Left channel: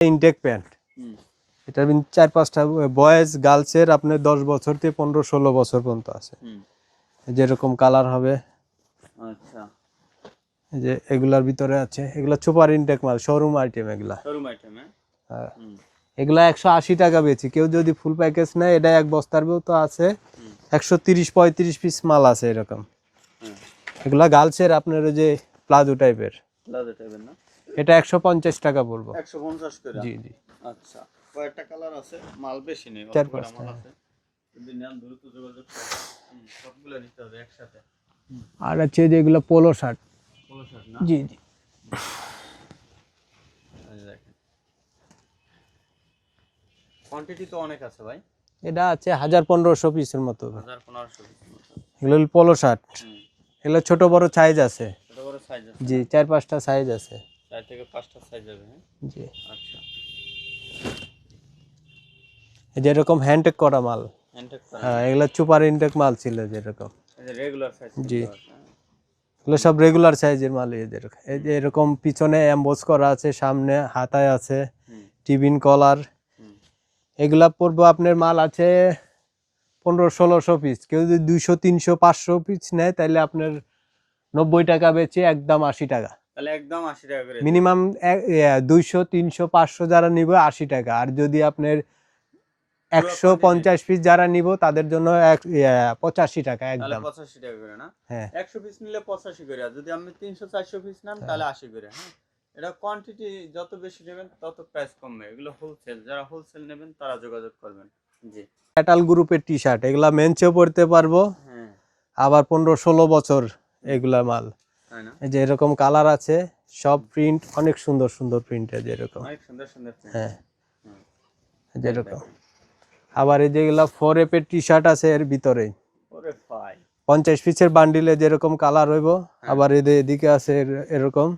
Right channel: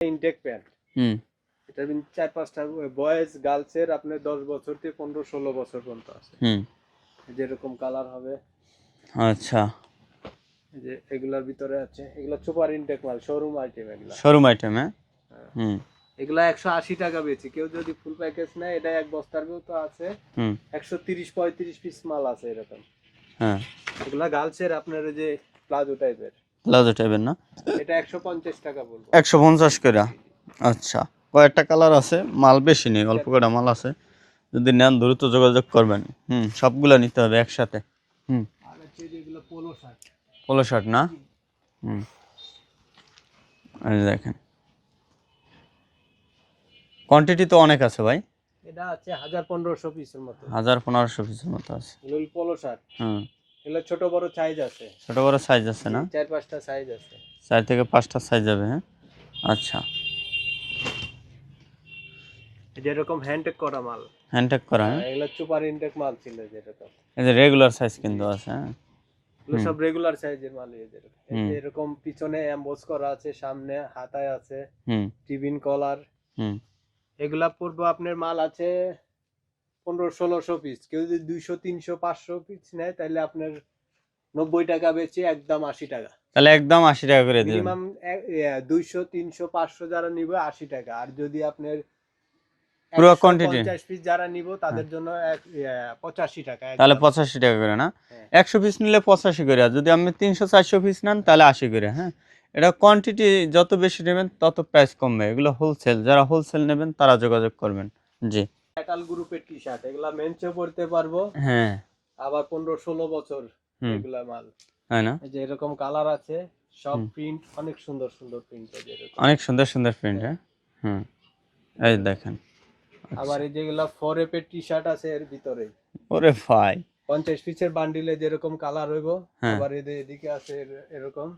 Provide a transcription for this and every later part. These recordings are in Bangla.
Intact pant. হুম। এটা 4-5টা বয়েজ গার্লসের আপনার 10 বছর থেকে 15-16 বছর পর্যন্ত আছে। যেরকম কালার হবে। আচ্ছা, এই যে এগুলার ভিতরে আছে, এগুলা সুপার ইনটেক মাল, শোরুম আইটেম এগুলা। শোরুম আইটেম, হ্যাঁ। এগুলা 180 টাকা বেচি। কেউ যদি ফুল প্যাকেজ নেয়, এটা এক বস্তার বেও তো আছে। 130-35 পিস মাল আছে এরকম। হ্যাঁ, এগুলা গার্লসের আপনার ওই যে প্লাজো টাইপের। প্লাজো টাইপের না? এটা 150 টাকা পড়বে। 150 করে? জি জি। আচ্ছা, কয়েকটা কালার আছে, মাল বেশি নেই, অল্প কটা মাল আছে। যদি নেন দ্রুত যোগাযোগ করবেন। সবগুলা নিতে হবে একসাথে। আর আছে যেগুলো পোলো শার্ট। পোলো শার্ট না? জি জি। এই দেখেন, কোয়ান্টিটি তো অনেক আছে ভাই। এটা আছে 1000-1500 পিসের মতো। 1000-1500 পিসের মতো আছে। এগুলো পোলো শার্ট। এগুলো ছোট বড় সাইজ আছে। ছোট বড় সাইজ আছে জি, না? 4-5টা সাইজ আছে। 4 থেকে 5টা সাইজ হবে, হ্যাঁ। জি। আচ্ছা, এই যে এরকম হ্যান্ডটেক করা মাল। হ্যান্ডটেক করা? এগুলো সুপার ইনটেক মাল ছিল যেরকম। এই যে রেগুলার সাইজ কিন্তু আছে, হ্যাঁ। এগুলো সব রেগুলার সাইজের মাল। এই যে এরকম পিছনে এমবোস করা আছে, সামনে হাতায় আছে, টিবিন কলার। এগুলা পড়বো আপনার মাল আছে 1500-1600 পিস। কেউ যদি 200-300-500 পিস নেয়, তাহলে আপনার 90 টাকা বেচে একদম 80 টাকা। তাহলে একদম 80 টাকা করে মিনিমাম 200-300-500 যারা নিবে 80 টাকা। আর যদি আপনার 150 পিস যারা নিব, তাদের জন্য 85 টাকা। তাহলে 85 টাকা করে না? 100 পিস নিলে 85 করে, আর যদি আপনি 300-400 পিস নেন তাহলে 80 করে, হ্যাঁ। এটা কোয়ান্টিটি যত বেশি নেবেন তত প্রাইস কমবে। এগুলো হোলসেল, যারা হোলসেল নেবেন তারা যোগাযোগ করবেন। জি। মেটাল গ্রুপের টি শার্ট, এগুলা মেনচেও পড়তে পারবো। হ্যাঁ, আবার 15-16 বছর এগুলা মাল। তাই না? এই যে এরকম কালার আছে, সব প্রিন্ট অনেক সুন্দর সুন্দর প্রিন্ট আছে এরকম। অনেক সুন্দর সুন্দর প্রিন্ট। এই দেখেন। আবার এই যেগুলা 4F এর টি শার্ট আছে এর ভিতরে। ওরে ভাই, 50 পিসের বান্ডিলে যেরকম কালার হইব। আবার এদিকে আছে এরকম।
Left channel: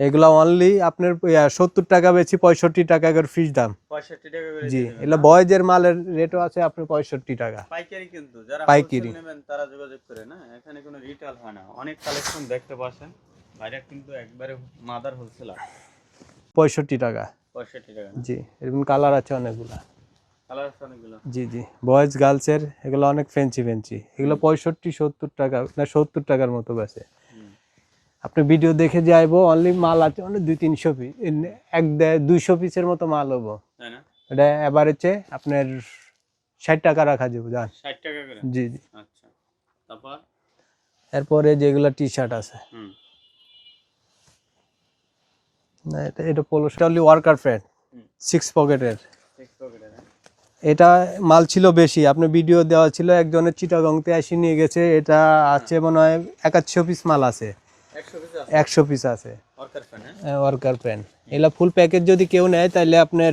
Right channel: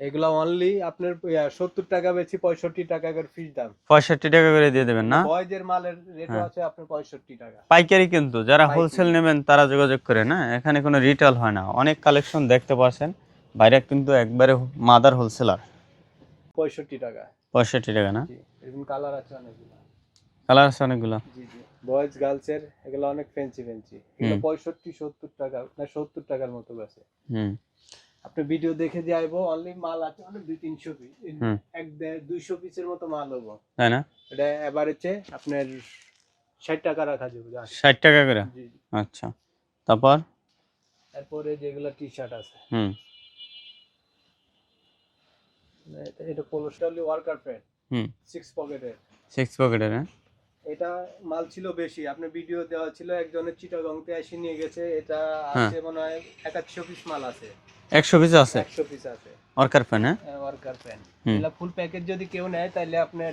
এগুলা অনলি আপনার 70 টাকা বেশি, 65 টাকা করে ফিস দাম। 65 টাকা করে দিয়ে দেবেন না? বয়েজের মালের রেটও আছে আপনার 65 টাকা পাইকারি। কিন্তু যারা হোলসেল নেবেন তারা যোগাযোগ করে, না এখানে কোনো রিটেল হয় না। অনেক কালেকশন দেখতে পাচ্ছেন, বাইরে কিন্তু একবারে মাদার হোলসেলার। 65 টাকা। 65 টাকা না? জি, এরকম কালার আছে অনেকগুলা। কালার আছে অনেকগুলো। জি জি, বয়েজ গার্লসের এগুলো অনেক ফ্যান্সি ফ্যান্সি। এগুলো 65-70 টাকা না 70 টাকার মতো বেচে। আপনি ভিডিও দেখে যাইবো, অনলি মাল আছে অনেক 200-300 পিস, 200 পিসের মতো মাল হবো, তাই না? এটা এভারেজে আপনার 60 টাকা রাখা যাবে। 60 টাকা করে? জি জি। আচ্ছা, তারপর এরপরে যেগুলা টি শার্ট আছে, না এটা polo shirt, only worker pant, 6 পকেটের। 6 পকেটের, হ্যাঁ। এটা মাল ছিল বেশি, আপনি ভিডিও দেওয়া ছিল, একজনের চিটাগংতে এসে নিয়ে গেছে। এটা আছে মনে হয় 100 পিস মাল আছে। 100 পিস আছে? 100 পিস আছে ওয়ার্কার প্যান। হ্যাঁ, ওয়ার্কার প্যান। এলা ফুল প্যাকেজ যদি কেউ নেয়, তাহলে আপনার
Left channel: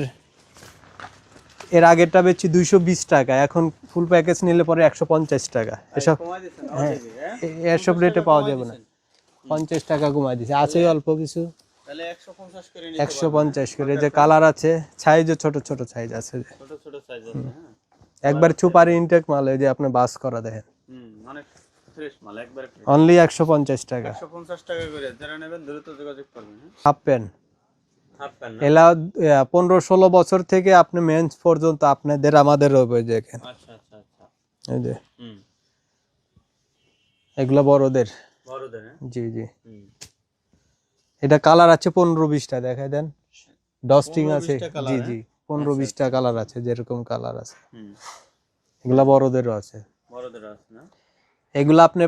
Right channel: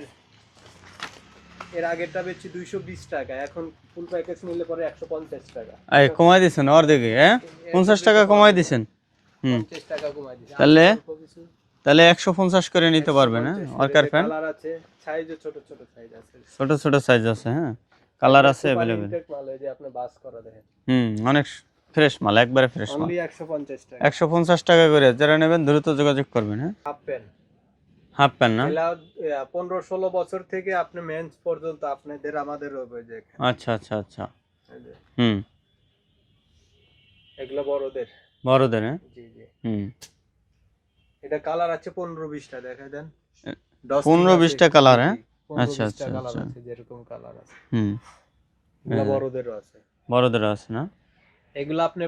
এর আগেরটা বেচছি 220 টাকা, এখন ফুল প্যাকেজ নিলে পরে 150 টাকা। আচ্ছা, কমাই দিয়েছেন অর্ধেকে? হ্যাঁ, 50 টাকা কমাই দিয়েছেন। 50 টাকা কমাই দিয়েছি, আছে অল্প কিছু। তাহলে 150 করে নিতে পারবেন। 150 করে। কালার আছে, সাইজও ছোট ছোট সাইজ আছে। ছোট ছোট সাইজ আছে, হ্যাঁ। কালার আছে, সুপার ইনটেক মাল। এই যে আপনি বাস করা দেখেন, অনেক ফ্রেশ মাল, একবারে ফ্রেশ। অনলি 150 টাকা। 150 টাকা করে। যারা নেবেন দ্রুত যোগাযোগ করবেন, হ্যাঁ। হাফ প্যান্ট, হাফ প্যান্ট না? এলা 15-16 বছর থেকে আপনি মেন্স পর্যন্ত আপনাদের আমাদের হবে দেখেন। আচ্ছা আচ্ছা আচ্ছা, এই যে এগুলা বড়দের। বড়দের, হ্যাঁ। জি জি। এটা কালার আছে 15-20টা, দেখাই দেন। 15-20টা কালার, হ্যাঁ। 15-20টা কালার আছে, যেরকম কালার আছে। এগুলা বড়দেরও আছে। বড়দেরও আছে না? এগুলা আপনি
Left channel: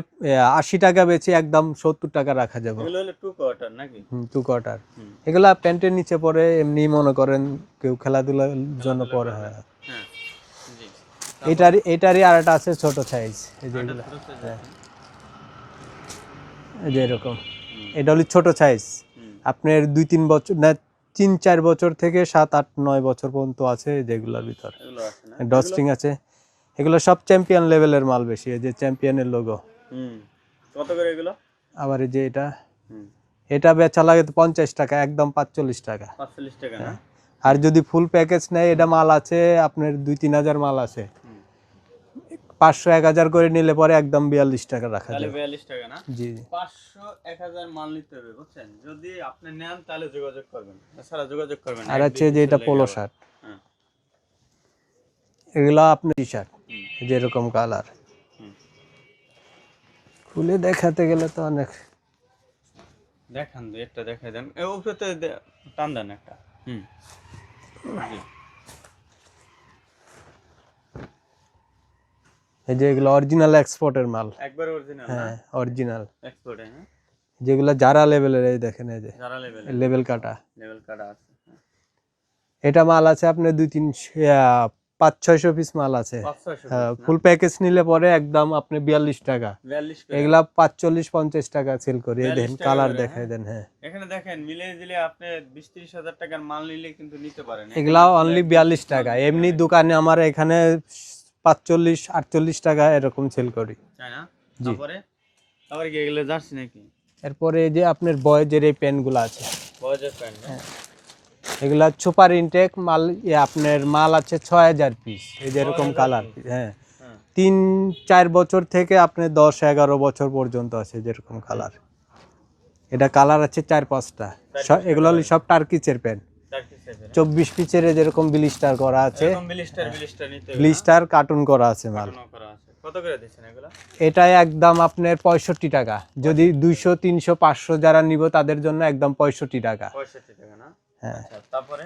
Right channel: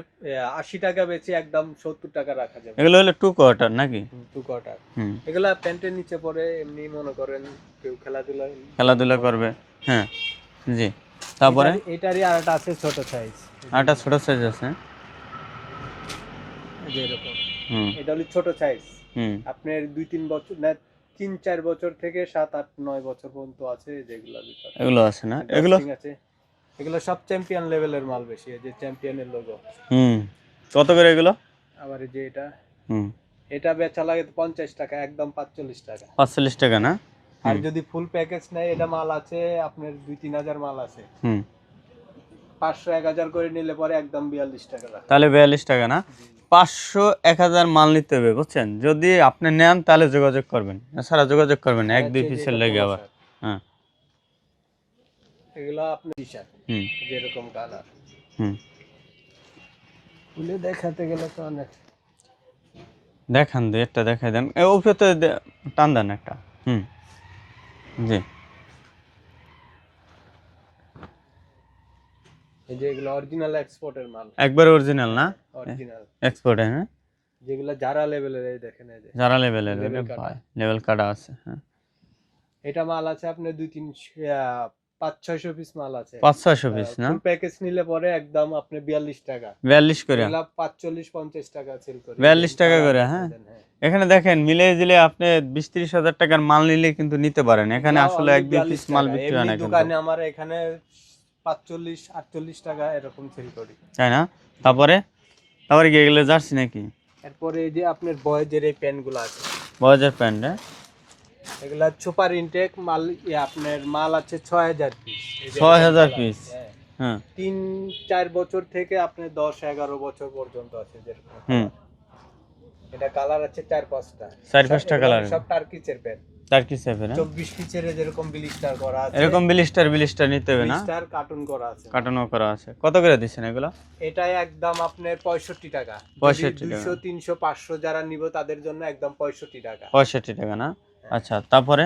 80 টাকা বেচে একদম 70 টাকা রাখা যাবে। এগুলো হলো 2 কোয়ার্টার নাকি? 2 কোয়ার্টার। এগুলা প্যান্টের নিচে পরে, এমনি মনে করেন কেউ খেলাধুলা করবে। হ্যাঁ, জি। তারপরে এটারই আরেকটা আছে ছোট সাইজ। আরেকটা ছোট সাইজ আছে, এই যে এরকম। এটা হলো ছোট সাইজ। আপনার 2-3 বছর না 3-4 বছর থেকে 7-8-9 বছর পর্যন্ত আছে যেগুলোর ভিতর। এগুলো আছে না? ডস্টিং আছে। এগুলো সব চ্যাম্পিয়ন লেভেলের মাল বেশি। এই যে চ্যাম্পিয়নের লোগো। কত করে এগুলো? আবার এই যে এটা বেচা লাগে 50 টাকা, একদম 45 টাকা। 45 টাকা না? আর যদি ফুল প্যাকেজ নেয়, এটা মাল আছে আপনার 2-3 হাজার মাল আছে। 500 1000 করে নিলে পরে একদম 42 টাকা রাখা তাহলে যাবে। 42 টাকা না? জি 500 1000 মাল নিতে হবে, বুঝছেন? যদি আপনি নেন তাহলে যোগাযোগ করবেন, এছাড়া যোগাযোগ করবেন না, আর 1 2 হচ্ছে যে পিসের এটা লেগে পোলো আবার। শার্ট, হ্যাঁ। এগুলা আপনার টি শার্ট হুম যেরকম কালার, হুম। খুলে দেখাতে গেলে তো অনেক। দেখান, একটা দেখাই দেন, উপরে তো টান দেন একটা। হুম। জি। এই যে এগুলো অরিজিনাল এক্সপোর্টের মাল, একবার অরিজিনাল না? হ্যাঁ অরিজিনাল, এক্সপোর্ট, হ্যাঁ। যেগুলো যারা লেভেলের, এই দেখেন এই যে যারা লেভেলের, লেভেল কাটা। লেভেল কাটা আছে, হ্যাঁ। এটা মাল আছে আপনার 500-600 পিস মাল আছে। 500-600 পিস না? ফুল প্যাকেজ নিলে পরে একদম আপনি 42 টাকা, 42 করে, এগুলা 45-50 টাকা সেল করি। 42 টাকা করে, দেখাই হ্যাঁ। দেন, হ্যাঁ এখানে দেখেন মিলিয়ে দিলে আপনি 20-30 হাজার টাকার মাল নিলে কিন্তু নিতে পারেন। এখানে এগুলা আসলে অনলি 1-2 42 পিস মাল টাকা, বিক্রি হয় এমনি না কিন্তু। দোকানে আমার এখানে 45-48 টাকা এরকম সেল করি। তাই না? তারপরে কি এগুলো জার্সি নাকি? এরপরে এই যে আপনার বয়েজের এই প্যান্ট গুলো আছে, বয়েজের প্যান্ট, হ্যাঁ। এগুলা সুপার ইনটেক মাল, আপনার মাল আছে 6000 পিস। এই যে 6000 পিস, হ্যাঁ হ্যাঁ। 3-4 বছর থেকে আপনি 10-11 বছর পর্যন্ত আছে যেরকম কালার। এটা কালার আছে 4-5টা, 4-5টা এগুলো কালার, সব টার্কিচের প্যান্ট। টার্কি সেভেন, 24 পিসের যেরকম ব্লিস্টার করা আছে, এরকম ব্লিস্টার নিতে হবে না? ব্লিস্টার কার্টুন করা আছে মাল। কার্টুনও করা আছে। কত করে দিচ্ছেন এগুলো? এটা একদম আপনার 65 টাকা, যদি 65 200 300 500 যারা নিব তাদের জন্য একদম 65 টাকা। 65 টাকা না? হ্যাঁ। আচ্ছা, তারপরে?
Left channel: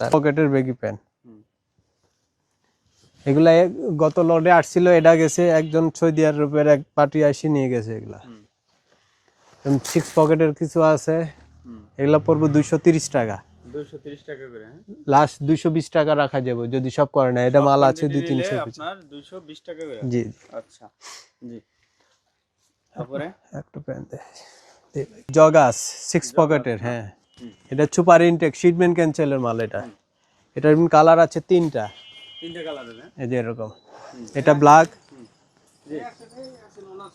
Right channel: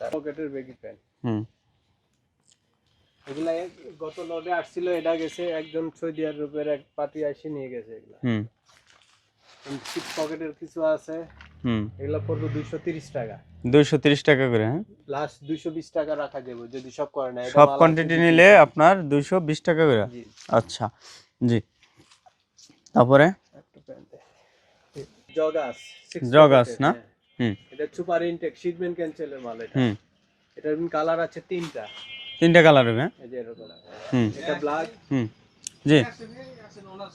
পকেটের বেগি প্যান্ট, হুম এগুলা গত লটে আসছিল, এটা গেছে একজন সৌদি আরবের এক পার্টি এসে নিয়ে গেছে। এগুলা হুম 6 পকেটের কিছু আছে, হুম। এগুলা পড়বে 230 টাকা, 230 টাকা করে, হ্যাঁ। লাস্ট 220 টাকা রাখা যাবে যদি সব করে না। এটা সব মাল আছে কোয়ান্টিটি 200-300 নিলে পিস। আপনার 220 টাকা করে। জি আচ্ছা, জি। তারপরে? একটা প্যান্ট জগাস 6 জগাস পকেটের, না? হ্যাঁ। হুম এটা সুপার ইনটেক শিটমেন্ট ক্যান্সেলের মাল এটা। হুম। এটার কালার আছে 3টা, 3টা কালার হবে, হ্যাঁ। এই যে এরকম। হুম এটা ব্ল্যাক, হুম। জি।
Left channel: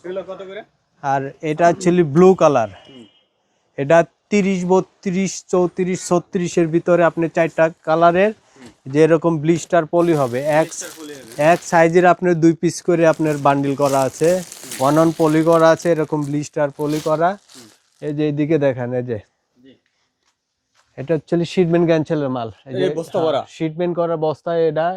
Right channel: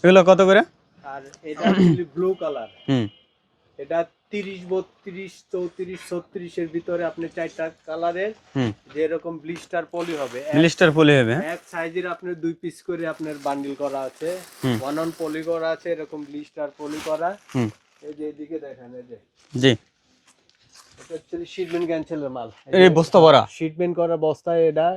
এগুলো কত করে? আর এটা অ্যাকচুয়ালি ব্লু কালার। হুম এটা 30 32 34 36 এর ভিতরে আপনি 4টা কালারের হুম। যে এরকম ব্লিস্টার পলি হবে, ব্লিস্টার পলি হবে, হ্যাঁ। এক সাইজের আপনার 2 পিস করে আপনার বান্ডিল করা আছে, ওয়ান অন পলি করা আছে, এরকম ব্লিস্টার পলি করা। হুম। এই যে এদিকে দেখেন, এই যে জি। এটা অ্যাকচুয়ালি শিটমেন্ট ক্যান্সেলের মাল, এই বস্তা ভরা শিটমেন্ট করা বস্তায়। এটা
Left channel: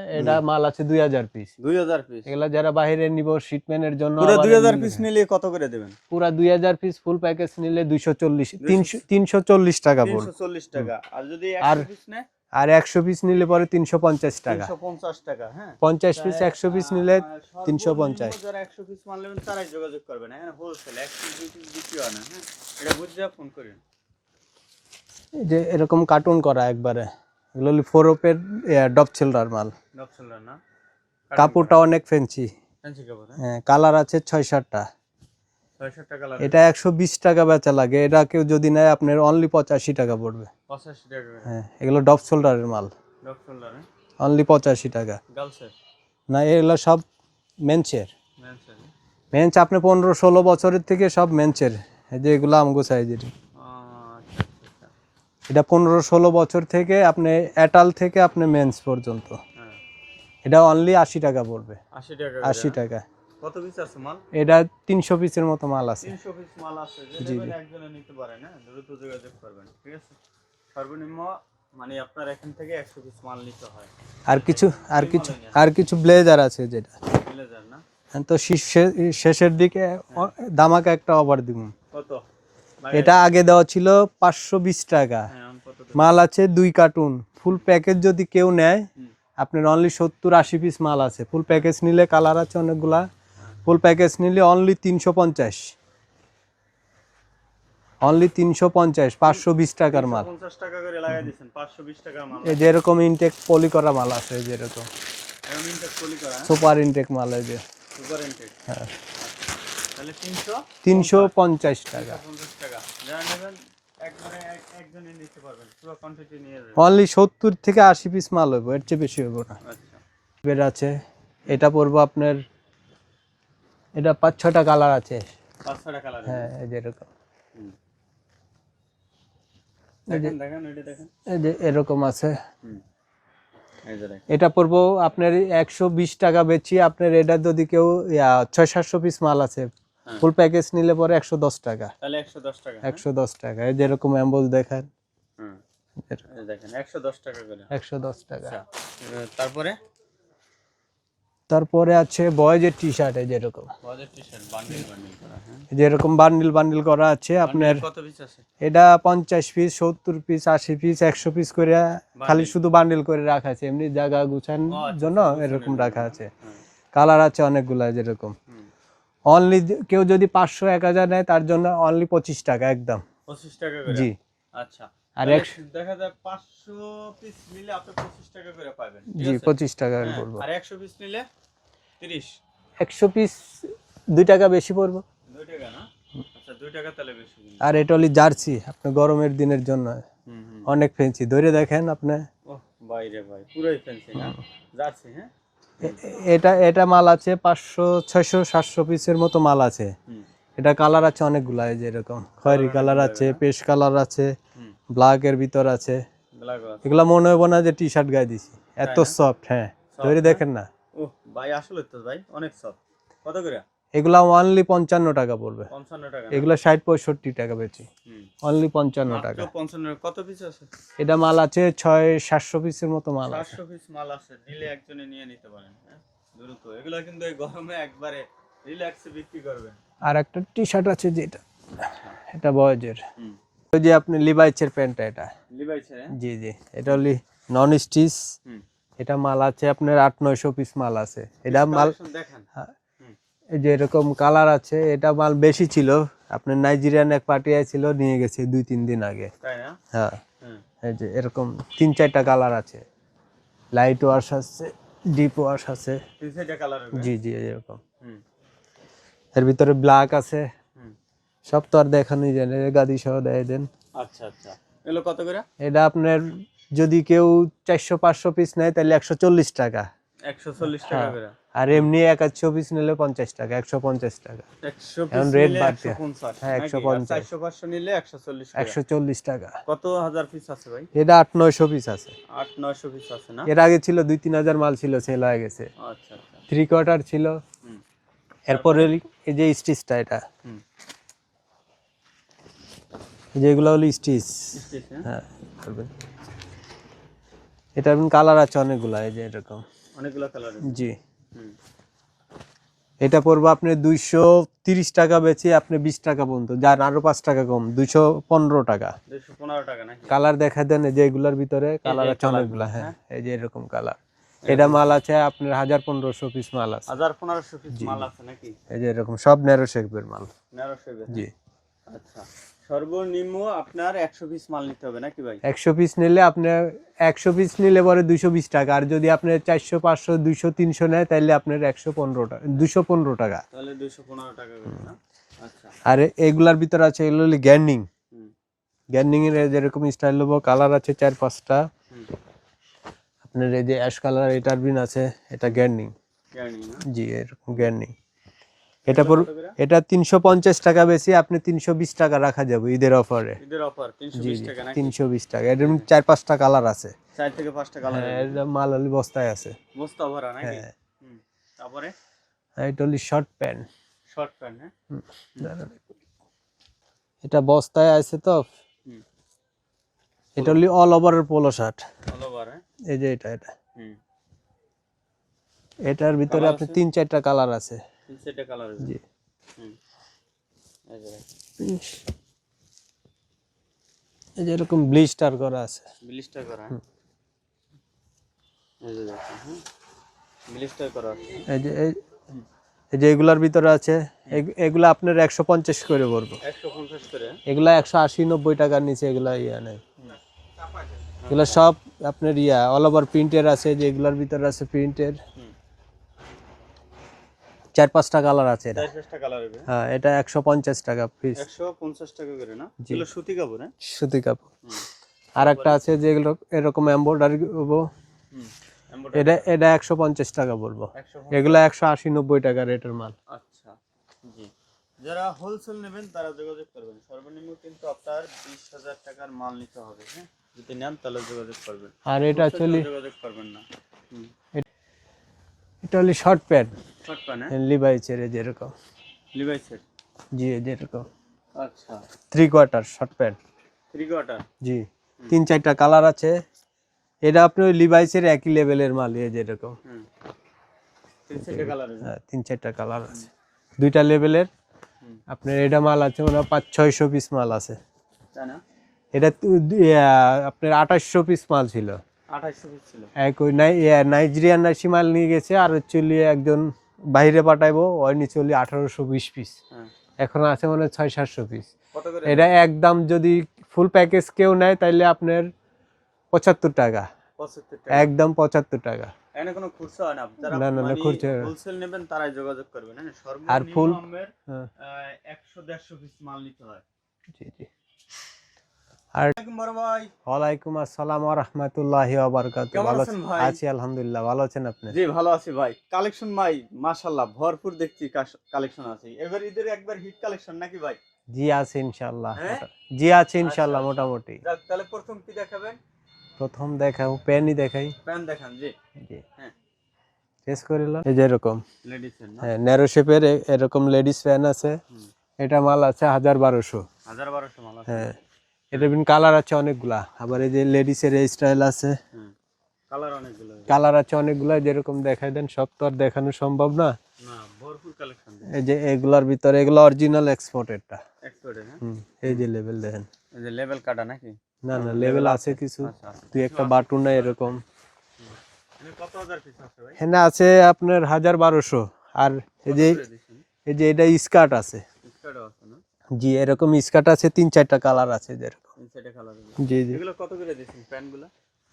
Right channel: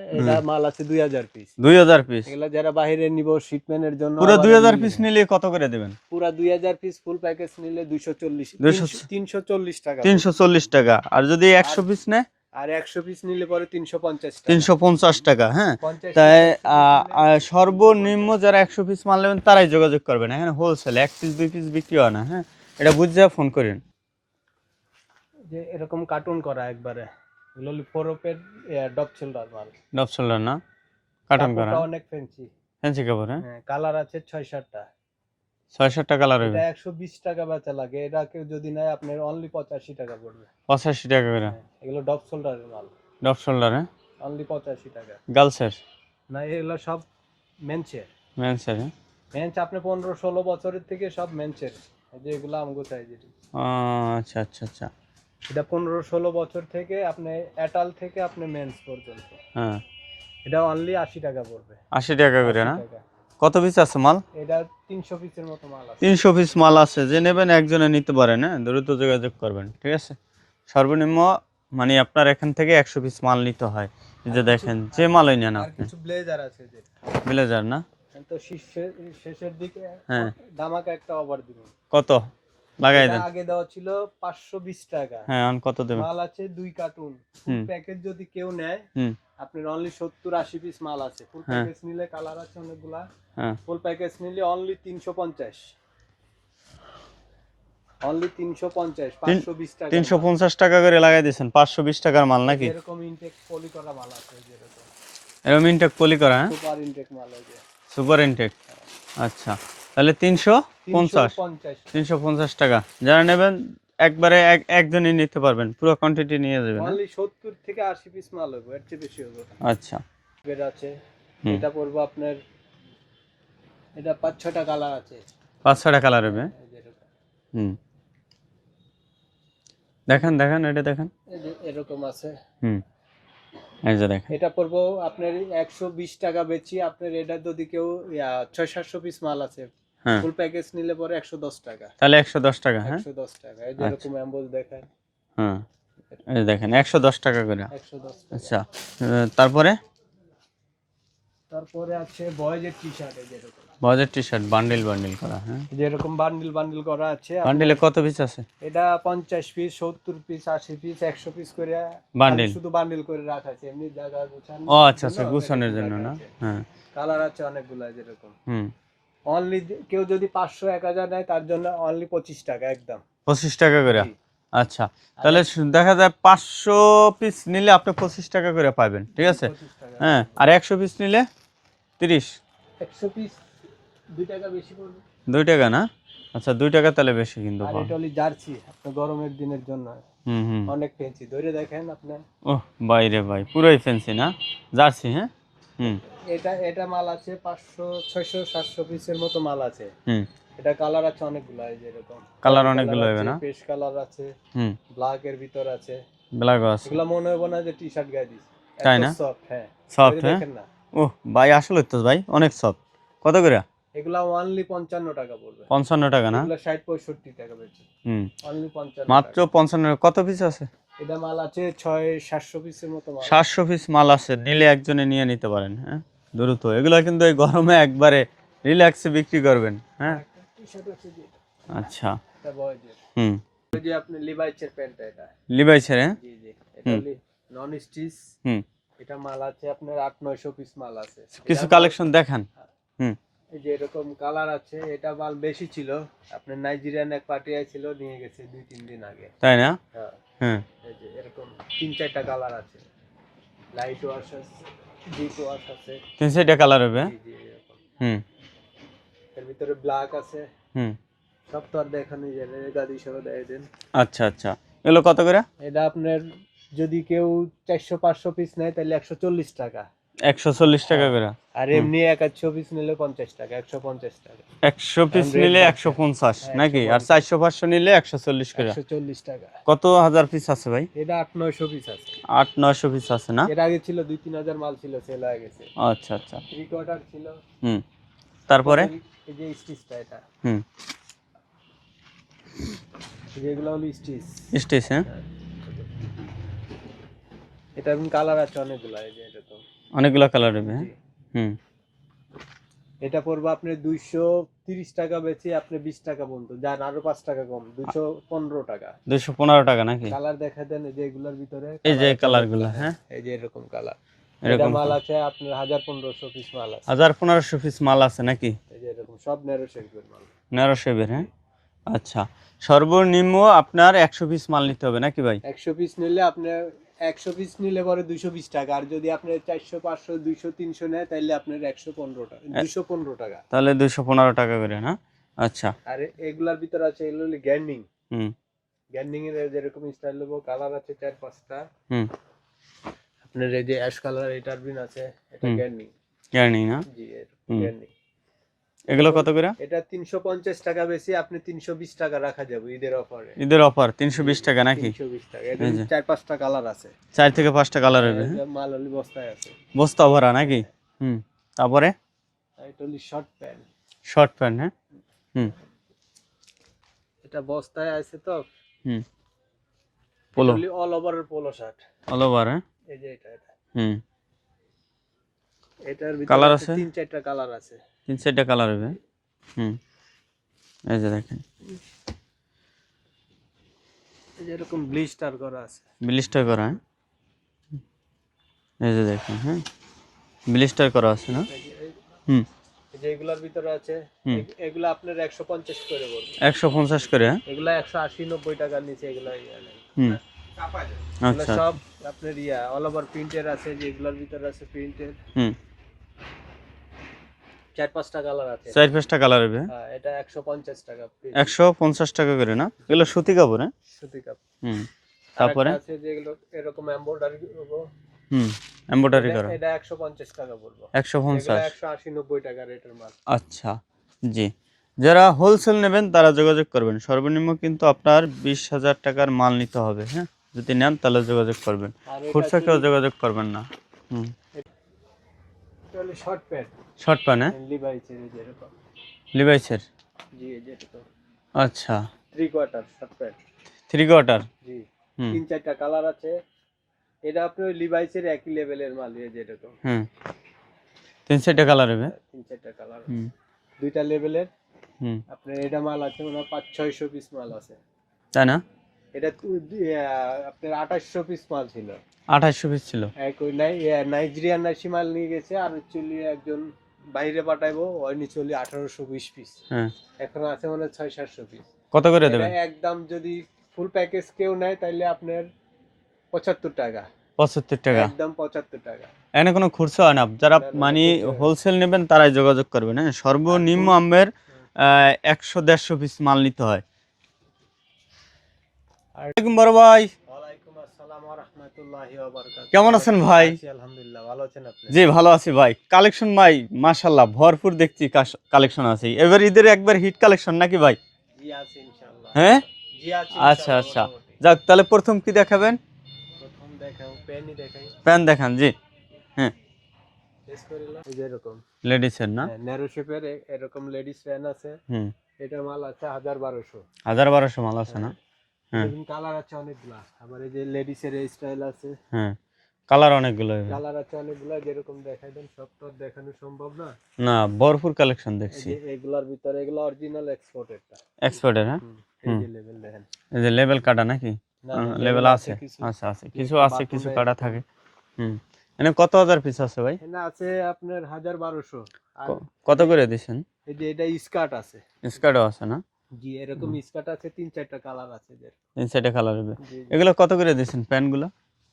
মাল আছে 2000 পিস। 2000 পিস? এগুলা যারা বাইরে নিব শিটমেন্টের জন্য, পুরো 2000 পিস নিলে কত করে দিবেন? পুরা 2000 পিস ফুল প্যাকেজ নিলে 340 টাকা পড়বে। 340 টাকা। আর যদি 100 পিস নেয়? আর 100 পিস নিলে পরে 350 টাকা। 350 টাকা, হ্যাঁ। 50 তাই পিস 100 পিস নিলে সর্বনিম্ন 350। যারা 100 পিস মাল নেবেন তারাই যোগাযোগ করবেন। এখানে হোলসেল 1 পিস 2 পিস বিক্রি হয় না, হ্যাঁ। এটা বুঝে ফোন করেন। এই যে এরকম কার্টুন করা একবারে, এগুলো হলো ফোরপের ডপ ছেলরার মাল। ডব শোল্ডার না? কাপড়টা অনেক ফ্যান্সি, ফ্যান্সি কাপড়, হ্যাঁ। হ্যাঁ। কালার আছে 6-7টা। 600 টাকা কালার এটা 120 টাকা বেচা লাগে, এটা কেউ যদি নেয় আপনার অনলি 85 টাকা পড়বে। 85 টাকা করে। হ্যাঁ, এগুলো ডপ শোল্ডারের মাল, ডব শোল্ডার, হ্যাঁ। অনলি 85 টাকা। গার্লসের? না, এগুলো সব মেন্সের। মেন্সের, হ্যাঁ। মেন্স আপনি 15-16 বছরের থেকে সব মেন্সের। এই যে এগুলো আমগো সাইজের, আচ্ছা আচ্ছা আচ্ছা। এটা 15-16 বছর থেকে আপনি অ্যাটাল থেকে আপনি মেন্স পর্যন্ত। হ্যাঁ, এটা অনলি 80 টাকা পড়বে। 80 টাকা করে, 80 না? টাকা। কত পিস আছে মাল? এটা 300 পিসের মতো মাল আছে। 300 পিস মাল আছে, যে নেবেন একজনে নিতে পারেন, হ্যাঁ। দ্রুত যোগাযোগ করবেন, ঠিক আছে। সর্বনিম্ন মানে আপনার এখান থেকে 100 পিস মাল নিতে হয়। আর যে কিছু দেখেন যে মালই নেন। আর কিছু ব্লেজার আছে যেটা ব্লেজার না? তো শেষের দিকে হ্যাঁ। দামাকা একটা অফার দিব। কত লাগাই এটা দেন? আগে দেওয়া ছিল 520 টাকা, হ্যাঁ, এখন কত দেবেন? মাল আছে 2 কার্টুন। ফুল প্যাকেজ যদি কেউ নেয় হুম, আপনার অনলি 70-80 পিস মাল আছে। ফুল প্যাকেজ নিলে কালার আছে অনেকগুলা, হ্যাঁ। ফুল প্যাকেজ নিলে অনলি 350, অনলি 350, 520 টাকার মাল। 350 টাকা করে লাগাই দিয়েছেন, 520 টাকার মাল নাকি? যেরকম ইনটেক পলি করা মাল আছে, যেরকম এরকম ইনটেক পলি করা, হ্যাঁ। সুপার ইনটেক মাল, এই যে সুপার ইনটেক, হ্যাঁ। আচ্ছা। তাহলে 350 350 টাকা। 350 টাকা। যারা নেবেন একবারে একজনই নিতে পারবেন, পুরো কোয়ান্টিটি নিয়ে যাবেন। অনলি 70 থেকে 80 পিস মাল হইব, এর চেয়ে বেশি হইব না। আচ্ছা। বের আছে, এটা পড়বো আপনার, এটা 5-6টা কালার আছে। 5-6টা কালার হবে, হ্যাঁ, এই যে এরকম। হুম। দেখেন দেখেন, এটা দেখেন, এই যে এরকম আছে। হুম। এই যে দেখেন এটা পড়বো আপনার 120 টাকা বেচি। আপনার এটা যদি কেউ 600-700 পিস মাল আছে, হ্যাঁ ফুল প্যাকেজ নিলে পরে 110 টাকা। তাহলে 110 টাকা। হ্যাঁ 110 টাকা। এই যেরকম এমবোস দেখেন, হ্যাঁ এই যে দেখেন 110 টাকা করে। 110 টাকা। আচ্ছা তারপরে তারপরে আছে বয়েজের টি শার্ট, এই যেরকম বয়েজের টি শার্ট বান্ডিল বান্ডিল করা। হ্যাঁ যেরকম বান্ডিল বান্ডিল করা আছে। বান্ডিলে আপনার কত পিস আছে? এটা 50 পিস, 70 পিস, 80 পিস, 100 পিস করে খালি বান্ডিল। শুধু বান্ডিল করে রাখা আছে, এমনি জায়গা গুছানোর ও আচ্ছা জন্য আচ্ছা, গুছানোর এরকম জন্য রাখা না? আছে। হ্যাঁ কালার আছে অনেকগুলা যেরকম। হুম অনলি কেউ যদি 500-1000 নেয় তার জন্য অনলি 25 টাকা একদম। 25 টাকা করে। জি। আচ্ছা আর তাহলে দেখা যায় 500 পিস নিলে আপনি 25 টাকা করে পাবেন, ঠিক জি, আছে? 25 টাকা হ্যাঁ পড়বে। আর 100 পিস নিলে 30। 100 পিস 2 টাকা বেশি পড়বে। 2 টাকা না? আচ্ছা 2 টাকা তাহলে বেশি কিন্তু। আর এটা হলি জার্সি, আপনি গরমের দিনের জন্য হুম হুম। অনেক ফেন্সি ধরে দেখেন আপনি। ওহ বাইরে ভাই পুরোই ফ্যান্সি না? জার্সি। হ্যাঁ হুম এটা মাল আছে 500, 600, 700 পিসের মতো মাল আছে। হুম। এটা কালার আছে অনেকগুলা, এই যে এরকম কালার কালার অনেকগুলো আছে, হবে না? পেস্ট কালার আছে, হুম ব্ল্যাক এর ভিতর আছে। ব্ল্যাক আছে এগুলা মনে হবে না যে টি শার্ট গায়ে দিছি, তাই এত না? সফট। হ্যাঁ সফট। ধরে হ্যাঁ দেখেন না। ওহ ভাই আসলে তো ভাই অনেক সফট। কত করে? এগুলা অনলি 55 টাকা পড়বে। 55 টাকা না? এগুলা 60-65 টাকা বেচি, হুম অনলি 55 মাত্র টাকা। 55। কত পিস আছে? এটা মাল আছে 600-700 পিসের মতো মাল। 700 পিস মাল আছে, নিলে একজনে নিয়ে নিতে পারেন। হ্যাঁ দ্রুত, এগুলা কিন্তু এই গরমে একবারে রিল্যাক্সে বিক্রি করবেন। আর হ্যাঁ একটা টি শার্ট আছে যেটা, আচ্ছা এটা বয়েজের। হুম ওই যে আপনি লিভাইসের প্যান্টটা, এটা লিভাইসের। হ্যাঁ জি জি, এটা হলি নন স্টিচ। হুম এটা মাল আছে আপনার 800-900 পিস মাল আছে। এটা কিছু মাল কালেকশন দেখান। হুম এই যে এরকম কালার আছে। এটা মাল বেশি ছিল, আপনার নাইজেরিয়ান এক পার্টি ছিল, নিয়ে গেছে 2-3 দিন আগে। তাই না? হ্যাঁ হুম এই যে এরকম 3-4টা কালার আছে, লাইট ওয়াশ আছে, ডিপ ওয়াশ আছে। 300টা কালার হবে। জি জি এরকম। হুম এর ভিতরে ব্ল্যাক আছে। হুম সব তো আর দেখানোই যায় না, গাদি সহ দেয় দেন। আচ্ছা আচ্ছা এগুলো কত করে? এটা আপনার যদি কেউ 400-500 পিস নেয় তাহলে 140 টাকা। 140 টাকা করে। আর এমনি 100 পিস নিলে 50 টাকা, 150 টাকা। 100 পিস এখন রেট নিলে বাড়ছে। 150 হ্যাঁ, নাকি? আর 150। 400-500 নিলে 140 করে। 140 টাকা। কত হাজার পিস আছে ভাই? এটা 800-900 পিস আছে। 800-900 পিস আছে না? এর আগে ছিল 2-3 হাজার মাল ছিল, সেল হয়ে গেছে। আচ্ছা আচ্ছা 3/4 ছিল। হুম তারপরে তারপরে এই যে স্টিচটা, এটা হুম এই যে এগুলো হলো স্টিচ। স্টেজ। হ্যাঁ হ্যাঁ এটা কালার আছে অনেকগুলা, এই যে এরকম অনেকগুলো কালার হবে। জি। হুম এটা পড়বে আপনি 230 টাকা বেচে আপনি 20 টাকা পর্যন্ত যান, আরো 5 টাকা কম, 215 টাকা। 215 টাকা নাকি? কালার দেখা দেন, এই যে এগুলার ভিতরে এই যে কালার আছে কালারগুলো। অনেকগুলা। হ্যাঁ এই যে এরকম কালার। এরকম এটা মাল আছে আপনার 1000-1500 পিস মাল আছে। 1000-1500 পিস মাল আছে নাকি? এই যে এরকম সব ন্যারো শেপের মাল। ন্যারো শেপের। হ্যাঁ জি। আচ্ছা সর্বনিম্ন আপনার 100 পিস মাল নিতে হবে নাকি ভাই? 100 পিস নিলে আপনি 100 পিস নিলে পরে 220 টাকা। আর যদি আপনি 400-500, 200-300 নেয় তাহলে আপনার 115 টাকা, 215 টাকা। তাহলে 215 টাকা করে না? আচ্ছা আর এগুলার ভিতরে আছে এগুলো হলো গ্যান্ডিং। হুম গ্যান্ডিং এর যেরকম স্টাইল হবো, কালার আছে 4-5টা। হুম আপনার এই যে অ্যাশ কালার এটার বিন আছে, এটা গ্যান্ডিং। জানি না। জি এরকম গ্যান্ডিং। এগুলো কত করে? এটা 350 টাকা বেশি, আপনি 320 টাকা রাখা যাবে ঈদের অফারে। ঈদের অফার 320 টাকা নাকি? 320 টাকা। এর 4-5টা কালার আছে। 4 থেকে 5টা কালার হবে। এই যে মাল হলি বস্তায় আছে। বস্তা ভরা নাকি? হুম তারপরে আর এটা হলি শর্ট প্যান্ট। Short pant. হ্যাঁ হুম এটা বস্তায় আছে তো। হুম এটা হলি অল ওভারের পোলো শার্ট। All over. হ্যাঁ এই যে এটা হুম এটার ভিতরে কালার আছে আছে? 3-4টা কালার আছে। 3-4টা কালার হবে। হুম এই যে দেখেন এই যে এরকম ব্লিস্টার করা আছে। ব্লিস্টার করা। হ্যাঁ এই যে দেখেন। হ্যাঁ ব্লিস্টার করা আছে না? এই যে হুম এই যে এগুলার ভিতরে আছে, এগুলা আপনার 150 করে পড়বে। 150 করে। হ্যাঁ এগুলা 180-90 টাকার নিচে এগুলা নেই। হুম এগুলো আচ্ছা সব আপনার অল ওভার প্রিন্টের আছে, যে এগুলার ভিতরে আছে প্রিন্টের। হুম 4-5টা কালার আছে। 4-5টা কালার হবে। হ্যাঁ এটা 150 টাকা পিস। 150 টাকা করে না? এগুলো সুতি কাপড়। হ্যাঁ সুতি কাপড়। হুম আর একটা আছে যেগুলো এরকম এমব্রয়ডারি করবো, হুম এমব্রয়ডারি এটা করা। এটা 150 টাকা পড়বো। 150। এগুলো 180-90 টাকা রেটের মাল। আচ্ছা জি যারা হোলসেল নেবেন তারা যোগাযোগ করবেন। সর্বনিম্ন কিন্তু আপনার 20,000 টাকার মাল নিতে হবে। হ্যাঁ যদি নেন তাহলে যোগাযোগ করবেন, আর এটা খুচরা কেউ actually- যোগাযোগ করবেন না। এটা হলো শর্ট প্যান্ট, শর্ট প্যান্ট, লিভাইসের যেরকম। লিভাইসের। জি যেরকম আচ্ছা, 3/4 শর্ট প্যান্ট। 3/4। জি 3-4টা কালার আছে। এটা আপনার লিভাইসের একই লেভেলের মাল যেরকম। 3-4টা কালার হবে। 3-4টা কালার আছে, 2টা লেভেলের। আপনার এটা মাল আছে মানে 500-600 পিস মাল আছে, তাই না? এটা আপনার 2800 পিস মাল ছিল। 2800 পিস ছিল। এক ওই নাইজেরিয়ান নাসি মাল নিয়ে গেছে, আর চলি একজন বাইরে পাঠাইবো, ওই নিয়ে চলি 1820 পিস। এখন আছে মানে 600-700 পিস। কত করে এটা একদম যদি ফুল প্যাকেজ কেউ নেয় তাহলে আপনার 75 টাকা। 75 টাকা একদম 75 টাকা। এখানে কোনো খুচরা হয় না, যারা না, না, মানে খুচরা হয় না। হোলসেল নেবেন তারাই যোগাযোগ করবেন। হ্যাঁ, সর্বনিম্ন আমের 100-150 পিস মাল নিতে হয়। জি জি। আর বড় ভাই, ওয়ালাইকুম আসসালাম ওয়া রাহমাতুল্লাহি ওয়া বারাকাতুহু। কেমন আছেন ভাই? আছি আলহামদুলিল্লাহ, ভালো আছেন আপনি? জি ভালো আছি ভাই। কালেকশন ভাই মাশাআল্লাহ ভরপুর দেখছি, কালেকশন আছে। এবার ঈদের একবার হিট কালেকশন নাকি ভাই? জি আছে ইনশাআল্লাহ। হ্যাঁ জি আছে ইনশাআল্লাহ আচ্ছা। মোটামুটি। যাক, তাহলে প্রথম কি দেখাবেন? প্রথম দেখাও প্যানই দেখাই। প্যান দেখান। জি হ্যাঁ, টেস করিল। এই যে এরকম লেডিসের না, ন্যারো শেপের এরকম লেডিস প্যান আছে। এটা মাল আছে 1200। 1200 মাল আছে না? এটা বিন কালার আছে অনেকগুলা। আবার এই যে লেডিসের এই স্টাইল আছে। কালার অনেকগুলো। কালার আছে অনেকগুলা, যেরকম দেখাই দেন, সব তো আর দেখানো সম্ভব না। না, ভরপুর কালেকশন দেখছি। এই যে এগুলার ভিতরে এগুলো অরিজিনাল এক্সপোর্টেডটা। এক্সপোর্টের। হ্যাঁ, এই যে লেভেল দেখেন। এই যে লেভেল কাটা নাকি? না না, লেভেল লেভেল আছে কিছু। আচ্ছা আছে, দুই কিছু একটা আছে, বাটন কিছু কাটা এরকম। থাকে। এনে কত হাজার পিস আছে ভাই? এখানে আছে আপনার 1200। আর কত করে দিছেন? এই যে এটা স্কার্ট আছে। স্কার্টও আছে না? জি এরকম স্কার্ট আছে, 3-4টা কালার আছে যেরকম। ইনসাইডে কালার হবে। জি জি। এগুলো কত করে দিছেন প্যান্টগুলো?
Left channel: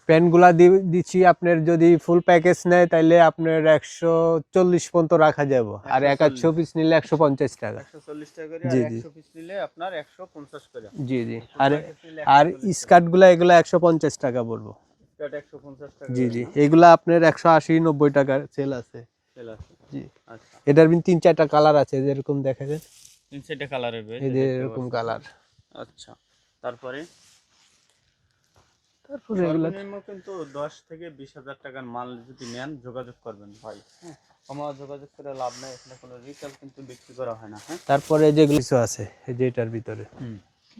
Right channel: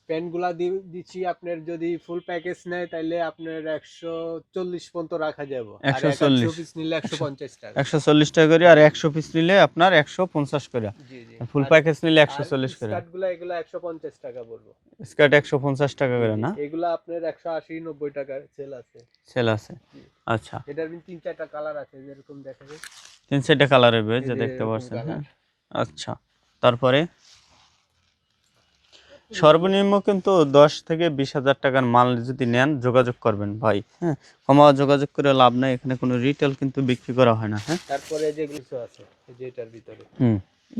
প্যান্টগুলা দিচ্ছি আপনার যদি ফুল প্যাকেজ নেয় তাহলে আপনার 140 পর্যন্ত রাখা যাবে। আর 100 পিস নিলে 150 টাকা। 140 টাকা করে, আর 100 পিস নিলে আপনার 150 করে। জি জি। ফুল প্যাকেজ নিলে আর 140 করে। স্কার্টগুলা এগুলা 150 টাকা বলবো। স্কার্ট 150 টাকা জি করে জি। না? এগুলা আপনার 180-90 টাকা সেল আছে। সেল আছে। জি। আচ্ছা, এটার 3-4টা কালার আছে যেরকম দেখা যায়। ইনসাইডে কালার হবে এই যে যে দেখতে এরকম পাচ্ছেন। কালার। আচ্ছা, তারপরে সর্বনিম্ন কিন্তু 10 থেকে 20,000 টাকার মাল যদি নেন যোগাযোগ করবেন ভাই। হ্যাঁ, কমা যোগাযোগ করে লাভ নাই, এখানে কোনো রিটেল কিন্তু বিক্রি করা হয় না। হ্যাঁ, তারপরে যেগুলো কিছু আছে এই যে এটার ভিতরে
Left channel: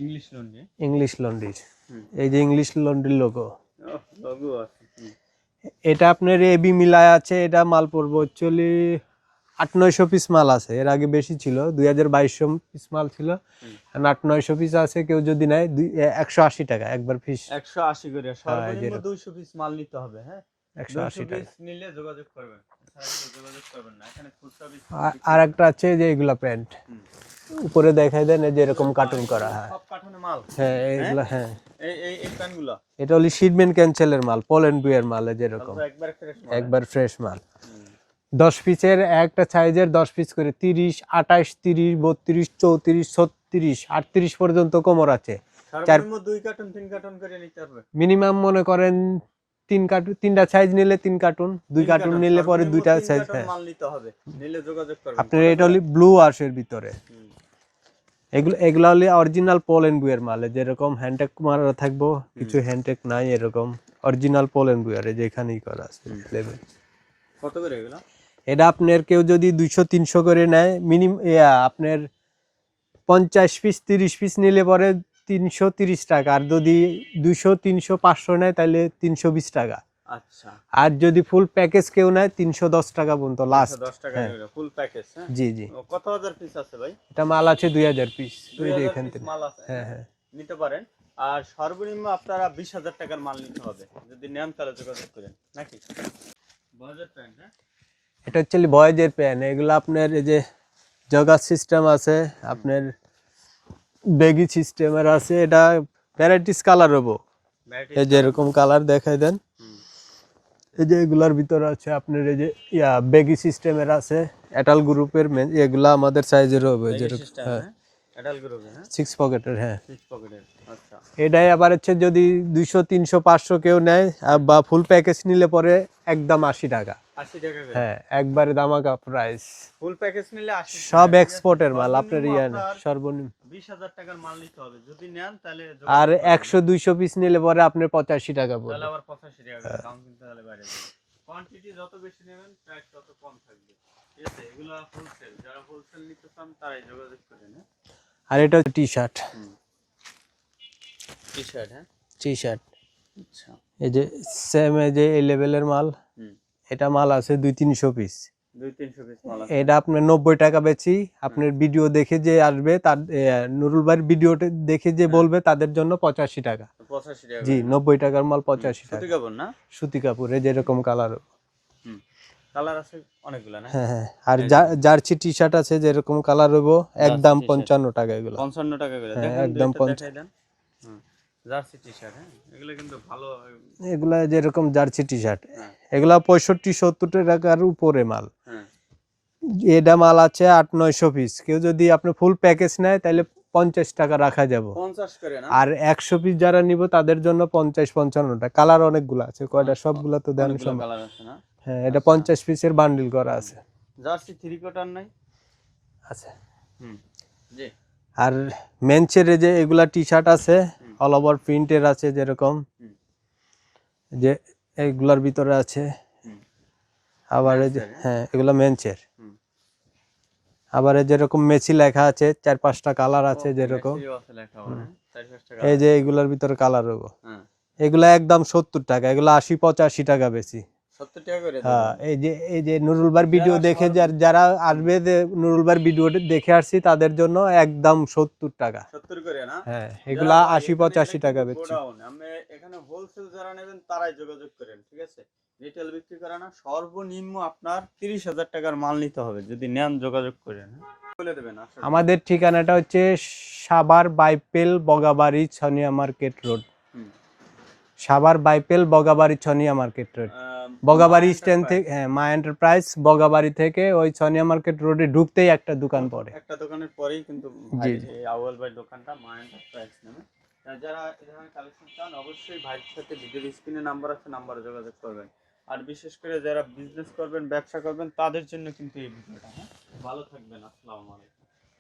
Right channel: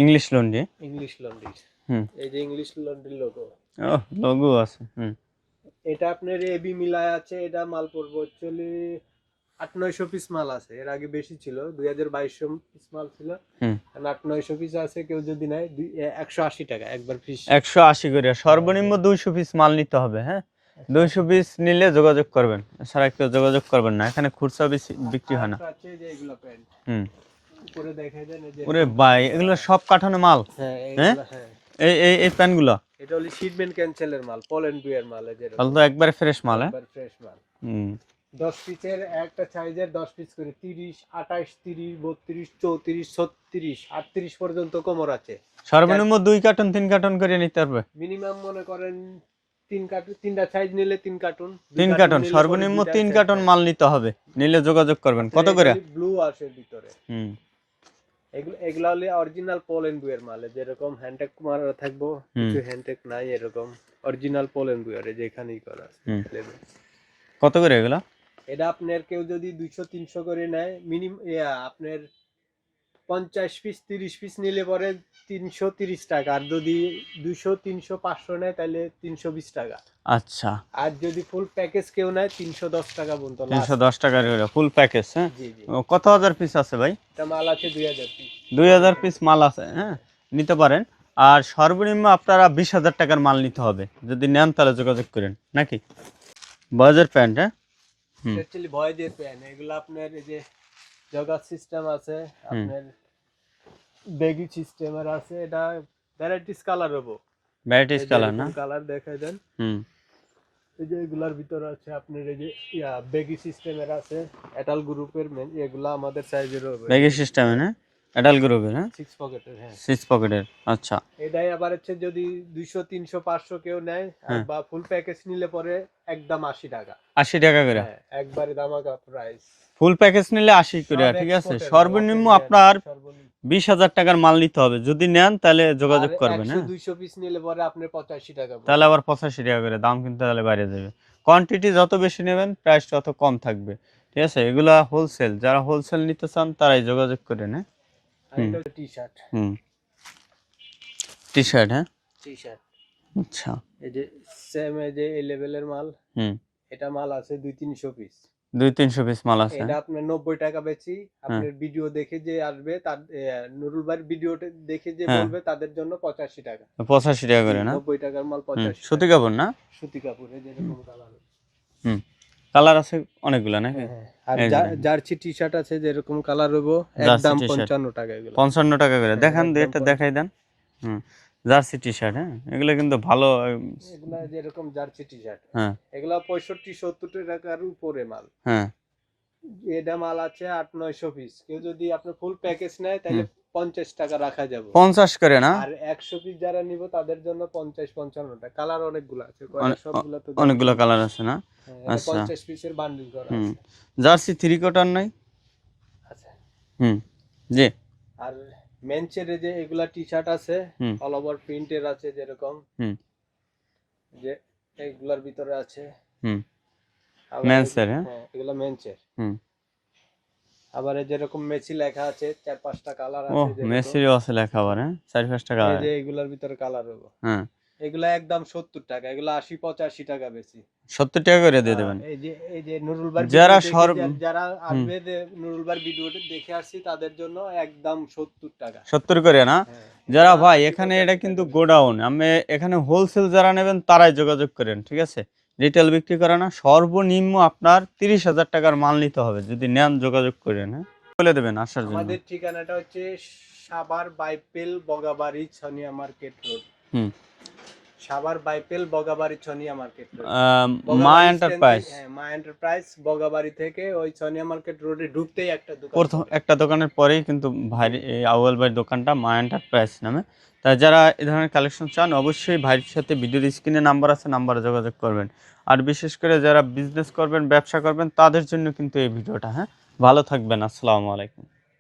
ইংলিশ লন্ড্রি। ইংলিশ লন্ড্রির। এই যে ইংলিশ লন্ড্রির লোগো। লোগো আছে। এটা আপনার এবি মিলায় আছে। এটা মাল পড়বো অ্যাকচুয়ালি 800-900 পিস মাল আছে। এর আগে বেশি ছিল, 2200 পিস মাল ছিল। 800-900 পিস আছে। কেউ যদি নেয় 180 টাকা একবার পিস। 180 করে। সর্বনিম্ন 200 পিস মাল নিতে হবে। হ্যাঁ, 200 পিস নিলে যোগাযোগ করবেন, সারা কেউ যোগাযোগ করবেন না। এখানে খুচরা বেশি বিক্রি আর হয় না। একটা আছে যে এগুলা প্যান্ট। উপরে দেখাই দেন এই যে এরকম ভাই, কাটিং করা। এগুলো সব কাঠানো মাল। হ্যাঁ এগুলা হ্যাঁ। এই প্যান্টগুলো এটা হলো শিটম্যান ক্যান্সেলের মাল, পোল্যান্ড বুয়ের মাল। এই যে এরকম তাহলে তো একবারে ফ্রেশ মাল। একবার ফ্রেশ মাল। 10 পিসের একটা সাইজের 10 পিস করে 30, 28, 30, 32, 34, 36, 38 পর্যন্ত কোমর আছে। সর্বনিম্ন 2 কার্টন 3 কার্টন করে নিতে পারবে। মিনিমাম মনে করেন 3 কার্টন, 3টা সাইজ নিলে 3 কার্টন, 2 3 কার্টন কার্টন নিলে পরে সর্বনিম্ন 2টা 3 সাইজ। কার্টন মাল নিতে হবে, নিলে যোগাযোগ করবেন। কত করে? ব্লু ওয়াশের ভিতরে। এগুলা হলে অরিজিনাল পোল্যান্ড বুয়ের মাল। যেরকম হ্যান্ডটেক মারা থাকবো, কিছু হ্যান্ডটেক নাই, এরকম অরিজিনাল পোল্যান্ড বুয়ের যে এখানেই করা আছে। কত করে এগুলা? এটা আপনার কেউ যদি 200-300 করে নেয়, মিনিমাম আপনার 50 পিস 30 পিস নিলে পরে 330 টাকা। আর যদি 200, 300, 500 নেয় তাহলে 320 টাকা। আচ্ছা, আর যদি ফুল প্যাকেজ কেউ নেয় 310 টাকা পর্যন্ত লাস্ট। 310 টাকা করে ফুল প্যাকেজ। হ্যাঁ জি জি। কত হাজার পিস আছে ভাই? এটা মাল আছে 2000 পিস। 2000 পিস মাল আছে। হ্যাঁ, নিতে পারেন। আর সর্বনিম্ন আপনারা 20,000 টাকার মাল নিতে হবে। যদি নেন তাহলে যোগাযোগ করেন নাকি? বয়েজের প্যান্ট। হ্যাঁ, এটা অ্যাকচুয়ালি বয়েজের প্যান্ট। এগুলো আপনার এই যে জগার সিস্টেম আছে, আপনার বেগি সিস্টেমের আছে। এটা ভ্যারাইটিস কালার হবো। এই যে এরকম কালার দেখাই দেন। এই যে এগুলার ভিতরে আছে আপনার এই যে বেগি সিস্টেমের আছে, এটাল গ্রুপের। এগুলা আমাদের সাইজের হবে বেগি সিস্টেমে। হ্যাঁ, এডাল গ্রুপের। হ্যাঁ, 6 পকেটের। হ্যাঁ, 6 পকেটের। আচ্ছা, এটাই আবার হচ্ছে যদি 200, 300, 500 কেউ নেয় বা ফুল প্যাকেজ নিলে পরে একদম 80 টাকা। 80 টাকা করে। হ্যাঁ, একবারে দামাকা প্রাইস। ফুল প্যাকেজ নিলে 80 করে, সব ঠিক আছে? এক্সপোর্টের মাল, সর্বনিম্ন আপনার 20,000 টাকার মাল নিতে হবে। যদি নেন তাহলে আর যোগাযোগ করবেন, 100 হ্যাঁ? 200 পিস নিলে পরে আপনার 85 টাকা পড়বে। তাহলে আবার 85 টাকা করে দাম কিন্তু তাহলে বাইরে যাবে। কোয়ান্টিটি যত বেশি নেবেন প্রাইস তত কম থাকবে। ঠিক আছে? এগুলা হোলসেল। যারা হোলসেল নিতে চান তারাই যোগাযোগ করেন, হ্যাঁ? আর এটা হচ্ছে টি-শার্ট। টি-শার্ট, হ্যাঁ? টি-শার্ট। আচ্ছা। এই যে সেম এই যে এই লেভেলের মাল। এটা মাল আছে 200-300 পিস। 200-300 পিস মাল আছে। এটা আপনার 90 টাকা বেচি। আপনার ভিডিও দেখে যে আসবে তার নুরুল ভাইয়ের ভিডিওটা দেখে যে বলবে তাদের জন্য 85 টাকা। 85 টাকা করে না? 90 টাকার মাল 85 সুতি টাকা। কাপড় না? সুতি কাপড় এই যেরকম কালার। কালার আছে অনেকগুলা না? হ্যাঁ। আর জার্সি টি-শার্ট আছে যেরকম কালার হইবো একদম 55 টাকা এগুলো। 55 টাকা করে। দেখান এটা দেখাই দেন। জার্সি টি-শার্ট, হ্যাঁ? এগুলো কিন্তু ভালো। এগুলা যেরকম জার্সি টি-শার্ট। হ্যাঁ। এগুলা 65-70 টাকার উপরে মাল। হ্যাঁ। এটা মাল আছে 800-900 পিস। কেউ যদি আপনি ফুল প্যাকেজ নেয় তাহলে 50 টাকা রাখা যাবে। 50 করে না? আর 100 পিস যারা নিব তাদের জন্য 50-55 টাকা। কালার অনেকগুলো আছে। কয়টা সবগুলা তো অনেকগুলো কালার আছে না? হ্যাঁ, এটা 50 পিসের বান্ডিল করা আছে। জার্সি 3 কোয়ার্টার নাই? আছে। জি। আর মেন্সের যে এগুলা টি-শার্ট আছে অল ওভার প্রিন্টের আছে যেরকম যে এইগুলার ভিতরে আছে। আবার হ্যাঁ এগুলা মেন্সের। আবার যেরকম মেসি লেখা আছে 4-5টা কালার আছে যেরকম। মেসিও আছে লেখা আবার, হ্যাঁ? 4-5টা কালার। এই যে এগুলার ভিতরে কালার হবে। এগুলা একদম 70 টাকা। এগুলা 80-85 টাকা বেশি। 70 টাকা করে দিয়ে দেবেন। এই যে নুরুল ভাইয়ের ভিডিও দেখে যারা আসবে যে নুরুল ভাইয়ের ভিডিওটা দেখে আসছি তাদের জন্য একদম 70 টাকা। 70 করে না? যারা ভাই এখানে এটা কিন্তু গোডাউন। আমি এখানে হোলসেল যারা নেবেন তারাই যোগাযোগ করেন, ঠিক আছে? রিটেল বিক্রি করে না। সর্বনিম্ন আপনার 30,000 টাকার মাল নিতে হবে। যদি নেন যোগাযোগ করেন, হ্যাঁ? বলে দেবেন আসার জন্য। আমাদের ঠিকানাটা হচ্ছে Savar Baipail Bogabari Chhonia market road. Savar Baipail Bogabari Chhonia market road. Bogabari stand থেকে মা এন্টারপ্রাইজ বগাবাড়ি থেকে ওই ছনিয়া মার্কেট রোডে ঢুকতেই একটা দোকান। প্রথম একটা দোকানের পরেই কিন্তু ভাই আউয়াল ভাইয়ের দোকানটা মা এন্টারপ্রাইজ নামে। তাই যারা এই ধরনের কালেকশন চান অবশ্যই ভাইয়ের সাথে ভিডিওর স্ক্রিনে নাম্বার আছে, নাম্বারে যোগাযোগ করবেন। আর বিশেষ করে যারা বিজনেস করবেন, ব্যবসা করবেন তাদের জন্য কিন্তু এই ভিডিওটা, হ্যাঁ? ভালো থাকবেন। আসসালামু আলাইকুম।